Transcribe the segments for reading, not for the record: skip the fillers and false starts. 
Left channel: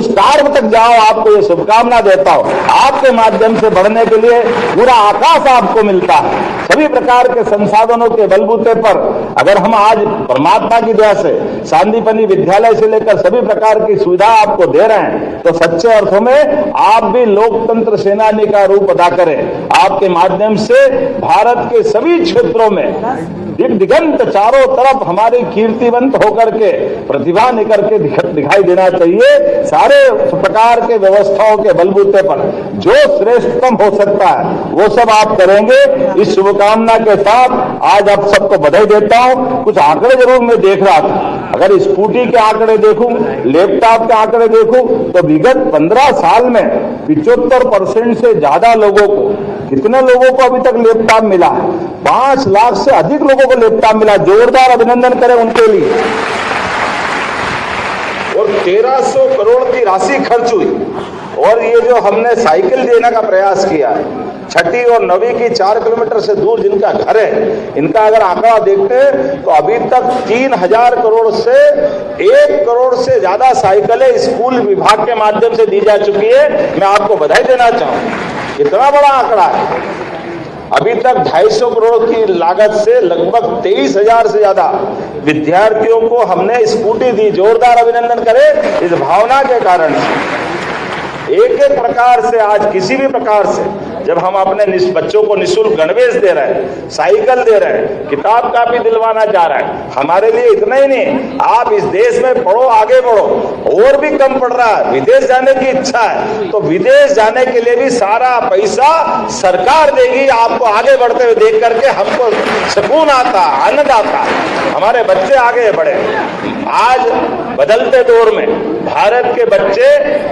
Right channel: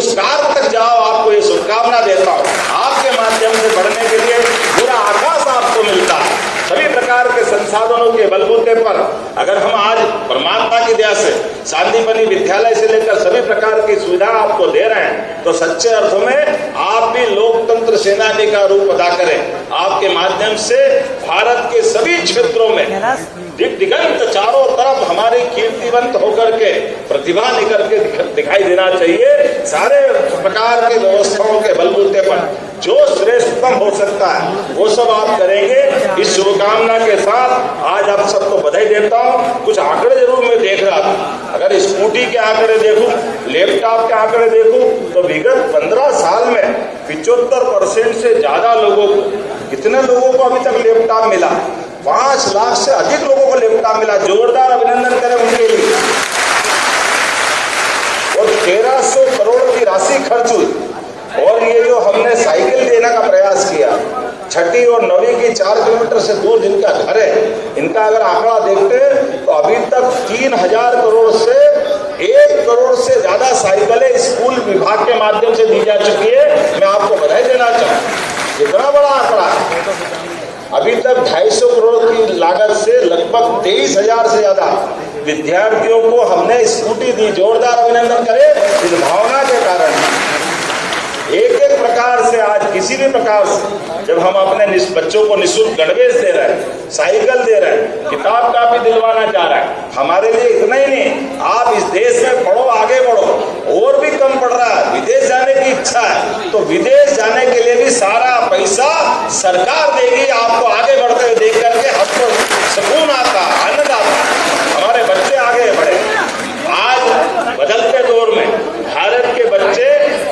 उस कार्य तक जाओ। आपको ये शुभकामना देता हूँ। आपके माध्यम से बढ़ने के लिए पूरा आकाश आपको मिलता है। सभी प्रकार के संसाधनों के बलबूते पर अगर हम आज परमात्मा की दया से सांदीपनि विद्यालय से लेकर सभी प्रकार की सुविधा आपको दे रहे हैं, तो सच्चे अर्थों में आप भी लोकतंत्र सेनानी का रूप अदा करें। आपके माध्यम से भारत के सभी क्षेत्रों में दिगंत चारों तरफ हमारी कीर्तिवंत होकर के प्रतिभा निकल के दिखाई देना चाहिए। सारे प्रकार के व्यवस्थाओं के बलबूते पर जो श्रेष्ठतम हो सकता है वो सब आप करेंगे। इस शुभकामना के साथ आज आप सबको बधाई देता हूं। कुछ आंकड़े जरूर मैं देख रहा था, अगर स्कूटी के आंकड़े देखूं, लैपटॉप के आंकड़े देखूं, तो विगत 15 साल में 75% से ज्यादा लोगों को, कितने लोगों को अभी तक लैपटॉप मिला? 5 लाख से अधिक लोगों को लैपटॉप मिला। जोरदार अभिनंदन करें उनके लिए। और 1300 करोड़ की राशि खर्च हुई। और ये जो हमने साइकिल देने का प्रयास किया, 6ठी और 9वीं की 4 किलोमीटर से दूर जिनका घर है, इनका अगर आंकड़ा देखते हैं तो अभी तक 3000 करोड़ से 1 करोड़ से ज्यादा साइकिलें स्कूल विभाग के माध्यम से दी जा चुकी है। मैं आपको बधाई देना चाहूँ। इतना बड़ा आंकड़ा है। अभी तक 250 करोड़ की लागत से लगभग 23,000 से ज्यादा विद्यार्थियों को हमने स्कूटी दी। जोरदार अभिनंदन करें इस भावना के कारण। एक एक प्रकार से आज किसी भी प्रकार से जब हम अपने बच्चों को निःशुल्क गणवेश दे रहे हैं, साइकिल दे रहे हैं, किताब कापी दिलवाना जा रहा है, हमारे लिए इतना ही नहीं, आप इस देश में पढ़ो, आगे बढ़ो। और भी कम पड़ रहा है, विदेश जाने की इच्छा है तो विदेश जाने के लिए भी सारा पैसा सरकार देगी। आपको आगे बढ़ते हुए देख करके हमको सुकून आता, आनंद आता, हमारे बच्चे आगे बढ़े। आज बदलते दौर में भारत के बच्चे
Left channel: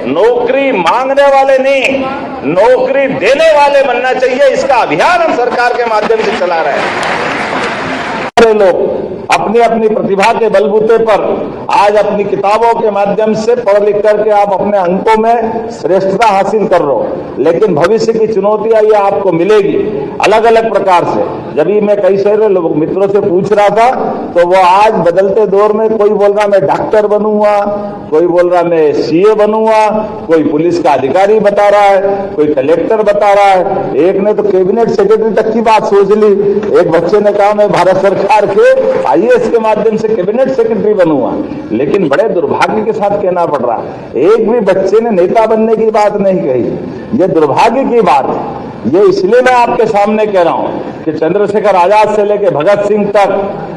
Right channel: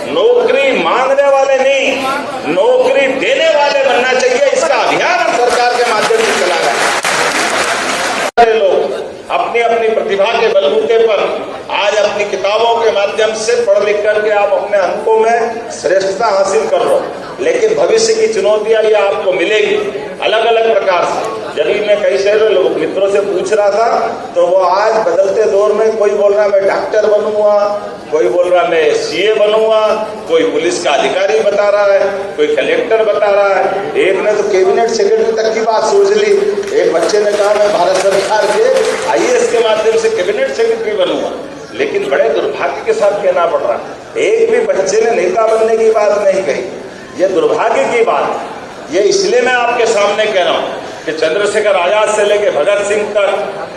नौकरी मांगने वाले नहीं, नौकरी देने वाले बनना चाहिए। इसका अभियान हम सरकार के माध्यम से चला रहे हैं। लोग अपनी अपनी प्रतिभा के बलबूते पर आज अपनी किताबों के माध्यम से पढ़ लिख करके आप अपने अंकों में श्रेष्ठता हासिल कर लो, लेकिन भविष्य की चुनौतियां ये आपको मिलेगी अलग अलग प्रकार से। जब भी मैं कई सारे मित्रों से पूछ रहा था तो वो आज बदलते दौर में कोई बोल रहा मैं डॉक्टर बनूंगा, कोई बोल रहा मैं सीए बनूंगा, कोई पुलिस का अधिकारी बता रहा है, कोई कलेक्टर बता रहा है, एक ने तो कैबिनेट सेक्रेटरी तक की बात सोच ली। एक बच्चे ने कहा मैं भारत सरकार के आईएएस के माध्यम से कैबिनेट सेक्रेटरी बनूंगा। लेकिन बड़े दुर्भाग्य के साथ कहना पड़ रहा है, एक भी बच्चे ने नेता बनने की बात नहीं कही। ये दुर्भाग्य की बात है। ये इसलिए मैं आपके सामने कह रहा हूं कि चंद्रशेखर आजाद से लेकर भगत सिंह तक,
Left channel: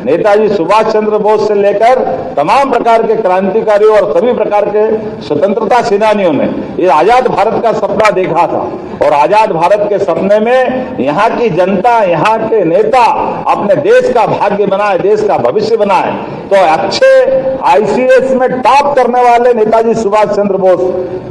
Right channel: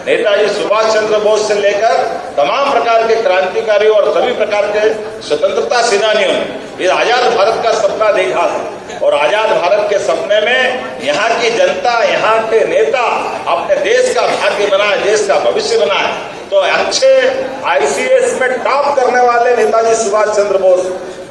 नेताजी सुभाष चंद्र बोस से लेकर तमाम प्रकार के क्रांतिकारियों और सभी प्रकार के स्वतंत्रता सेनानियों ने ये आजाद भारत का सपना देखा था। और आजाद भारत के सपने में यहाँ की जनता, यहाँ के नेता अपने देश का भाग्य बनाए, देश का भविष्य बनाए। तो अच्छे आईसीएस में टॉप करने वाले नेताजी सुभाष चंद्र बोस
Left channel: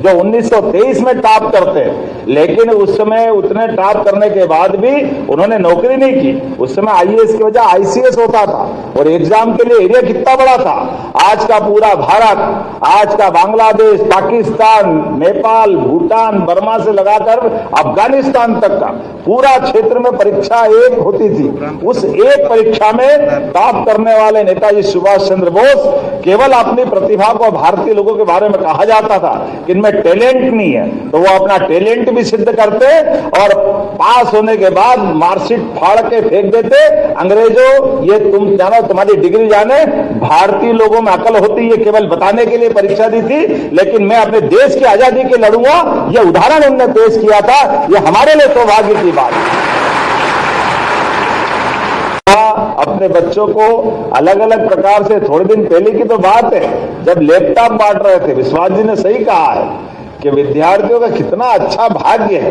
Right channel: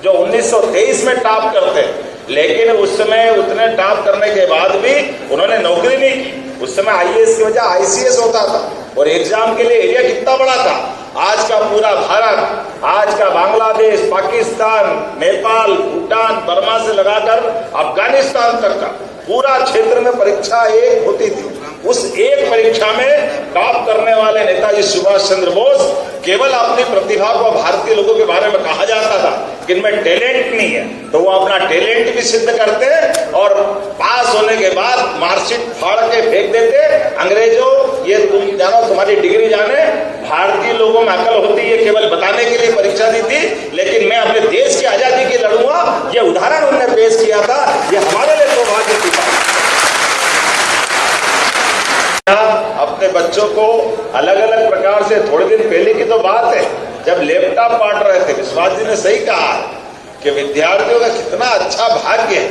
जो 1923 में टॉप करते, लेकिन उस समय उतने टॉप करने के बाद भी उन्होंने नौकरी नहीं की। उस समय आईएएस की वजह आईसीएस होता था और एग्जाम के लिए एरिया कितना बड़ा था। आज का पूरा भारत, आज का बांग्लादेश, पाकिस्तान, नेपाल, भूटान, बर्मा से लगाकर अफगानिस्तान तक का पूरा क्षेत्र में परीक्षा एक होती थी। उस एक परीक्षा में टॉप करने वाले नेताजी सुभाष चंद्र बोस केवल अपनी प्रतिभा को, भारतीय लोगों के बारे में कहा जाता था कि इनमें टैलेंट नहीं है, तो वो अपना टैलेंट भी सिद्ध करते और पास होने के बाद मार्कशीट फाड़ के फेंक देते। अंग्रेजों ये तुम जानो, तुम्हारी डिग्री जाने, भारतीय लोगों में अकल होती है केवल बताने के लिए परीक्षा दी थी, लेकिन मैं अपने देश की आजादी के लड़ूंगा। ये उदाहरण उन्होंने पेश किया था। ये हमारे लिए सौभाग्य की बात है। अपने बच्चों को अलग अलग प्रकार से, थोड़े दिन पहले की तो बात है जब लैपटॉप बांट रहे थे, विश्वास जी ने सही कहा है कि विद्यार्थियों का कितना अच्छा भाग्य है।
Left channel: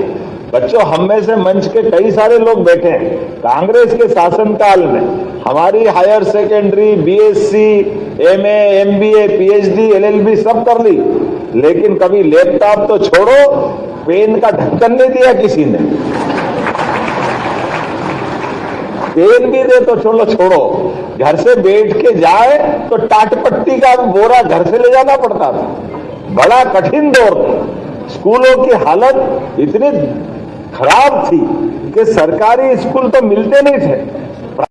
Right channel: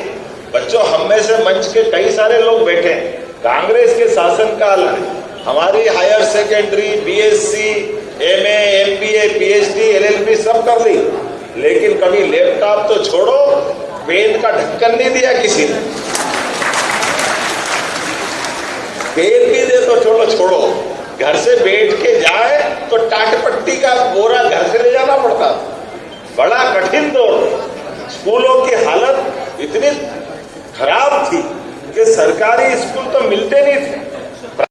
बच्चों, हम में से मंच के कई सारे लोग बैठे हैं, कांग्रेस के शासनकाल में हमारी higher secondary, BSc, MA, MBA, PhD, LLB सब कर ली, लेकिन कभी लैपटॉप तो छोड़ो, पेन का ढक्कन नहीं दिया किसी ने। पेन भी दे तो चलो छोड़ो, घर से बैठ के जाए तो टाटपट्टी का बोरा घर से ले जाना पड़ता था। बड़ा कठिन दौर था। स्कूलों की हालत इतनी खराब थी कि सरकारी स्कूल तो मिलते नहीं थे।